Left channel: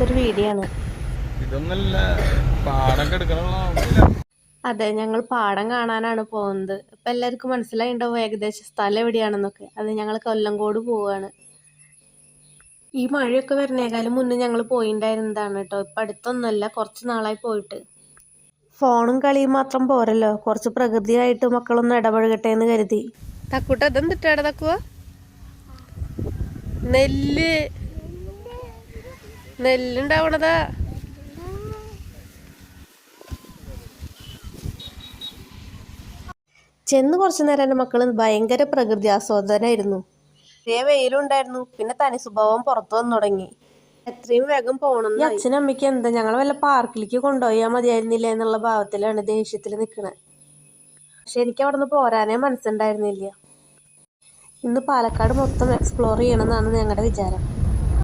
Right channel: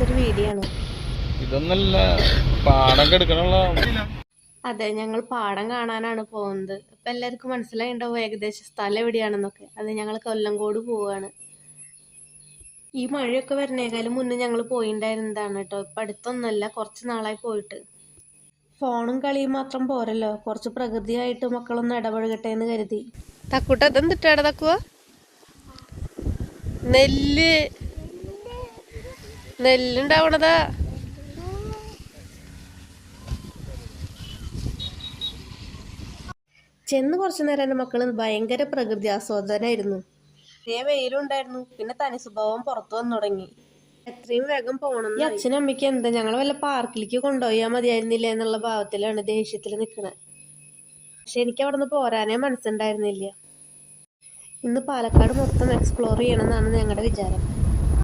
എടുത്തൊരു വീഡിയോ ആണ്. ഇതൊന്നല്ല പാടം എടുക്കണുള്ള. അതെ, ഞങ്ങൾ പാടം കാണാനാണ് പോകുന്നത്. ഇപ്പൊ എല്ലാവർക്കും മനസ്സിലായിണ്ടാവും ഏകദേശം സ്ഥലം എവിടെയാണെന്നൊക്കെ. അത് ഞങ്ങൾ കൊല്ലങ്കോട് പോവാണ്. ഈ മഴയൊക്കെ വരണേക്കാളും മുന്നേ ഞങ്ങൾ പോയിണ്ടായിരുന്നതാണ് കേട്ടോ. ഇപ്പൊ അടുത്തൊന്നല്ല, കുറച്ച് നാളായി പോയിട്ട്. ഫോണും കളിയും മാത്രം പോരല്ലോ, കുറച്ച് പ്രകൃതിയായിട്ട് മക്കളൊന്ന് ഇടപഴകട്ടെ എന്ന് കരുതി. തക്കൂട്ട ഇതെന്തിട്ടാണ് തക്കുവ? നെല്ലുണ്ടാവണതാ. ചെന്ന് കുറച്ചു നേരം എൻ്റെ മക്കൾ ഭയങ്കര പ്രകൃതി ആസ്വാദനായിരുന്നു. വെയിലുണ്ടായിരുന്നു, പിന്നെ തനി സ്വഭാവം പുറത്തു വന്നു തുടങ്ങി. എത്രയും വേഗം പോകണം. ഈ അച്ഛനും അമ്മയ്ക്ക് എന്താ ഞങ്ങൾ വല്ല പാർക്കിലേക്ക് കൊണ്ടുപോയാൽ മതിയായിരുന്നില്ല എന്നുള്ള ഭാവത്തിലാണ് ദേഷ്യത്തിൽ നിൽക്കണത്. പക്ഷെ എനിക്ക് അവിടെ നിന്ന് പോരാനേ മനസ്സുണ്ടായിരുന്നില്ല. ഇന്ന് പാലക്കാട് മൊത്തം എക്സ്പ്ലോർ ചെയ്യണമെന്നാണ് ഞങ്ങളുടെ വിചാരം.